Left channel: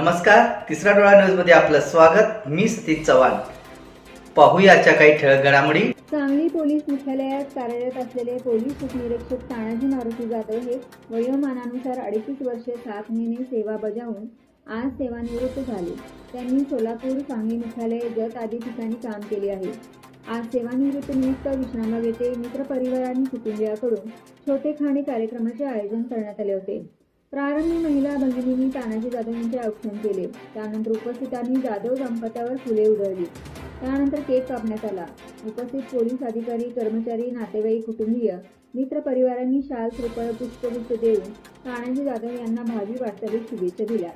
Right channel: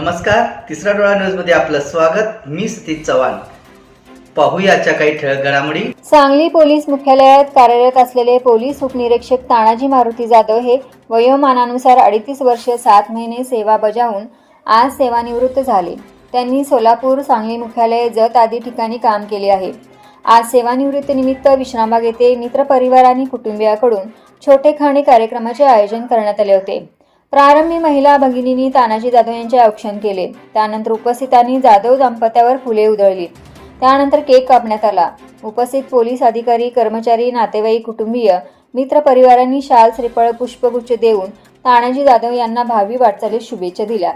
नमस्कार, तिसरा डोळा न्यूज मध्ये आपलं स्वागत। मी सतीश चव्हाण। पाहूया आजच्या काही ठळक घडामोडी। सांगली पोलीस मुख्यालयात कार्यरत असलेले पोलीस उपनिरीक्षक तानाजी मारुती जाधव हे वयोमानानुसार 38 वर्ष 7 महिने सेवा बजावून आज सेवानिवृत्त झाले। त्यांनी सोलापूर, सांगली मुख्यालय, जत आदी ठिकाणी काम केले आहे। आज सेवानिवृत्तीनिमित्त विश्रामबाग येथे मित्रपरिवार आणि कुटुंबियांकडून छोटेखानी कार्यक्रमाचे आयोजन करण्यात आले होते। प्रारंभी महिला भगिनींनी तानाजी जाधव यांचे औक्षण केले। त्यानंतर उपस्थितांनी जाधव दाम्पत्यावर फुले उधळली। त्यानंतर केक कापण्यात आला। उपस्थित पोलीस अधिकारी, कर्मचारी, नातेवाईक, कुटुंबीय, मित्रपरिवारांनी शाल, श्रीफळ, पुष्पगुच्छ देऊन तानाजी जाधव यांना भावी वाटचालीस शुभेच्छा दिल्या।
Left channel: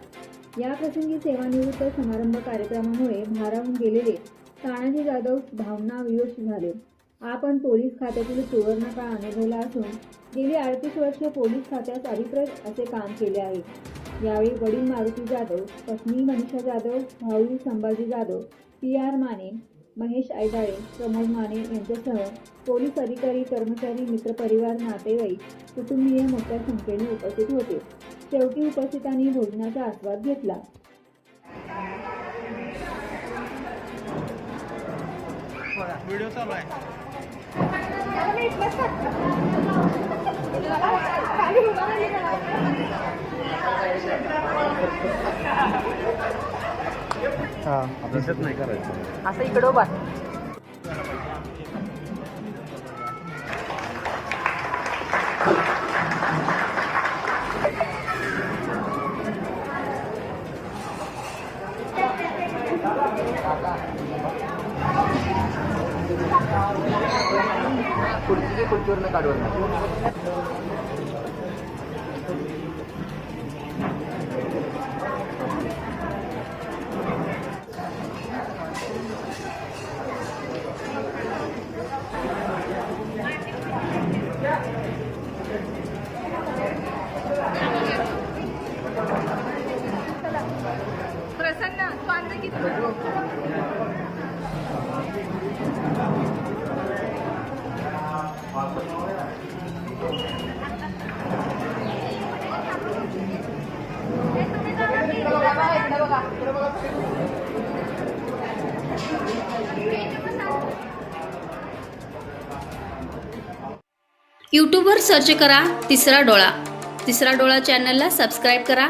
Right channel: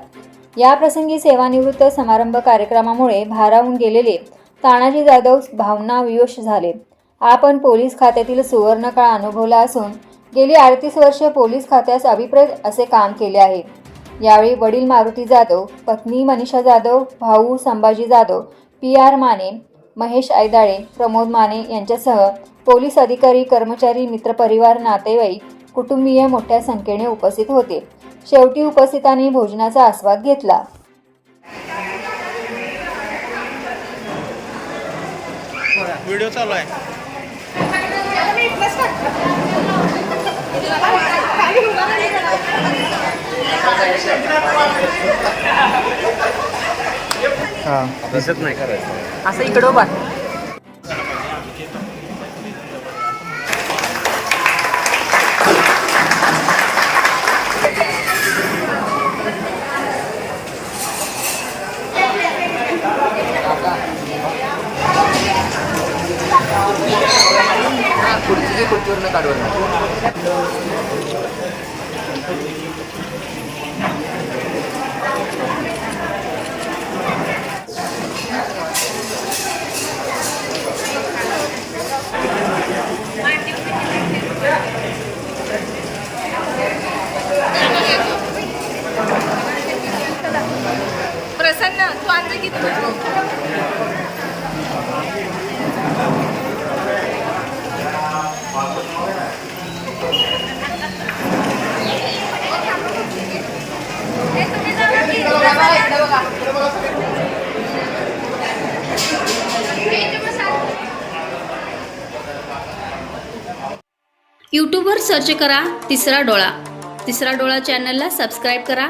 याप्रसंगी सेवानिवृत्त समारंभ कार्यक्रमामुळे भारावून गेलेले तानाजी जाधव भावनाविवश झाले। आपण पोलीस खात्यातील सुवर्ण काळ अनुभवला असून गेली 38 वर्ष पोलीस खात्यास अभिप्रेत असे काम केले आहे। यावेळी वडील मारुती जाधव, पत्नी मनीषा जाधव, भाऊ संभाजी जाधव, PR माने, महेश ऐदाळे, प्रमोद माने यांच्यासह पोलीस अधिकारी, कर्मचारी, मित्रपरिवार, नातेवाईक, कुटुंबीय मोठ्या संख्येने उपस्थित होते। शेवटी उपस्थितांनी भोजनाचा आस्वाद घेतला। व्हिडिओ चालू आहे। अभ्यासच नाही करायचं असं इकडं उभा प्रसन्न तू अंदर किती यूट्यूबवर सर्च करा तिसरा डोळा। तिसरा डोळा चॅनलला सबस्क्राईब करा।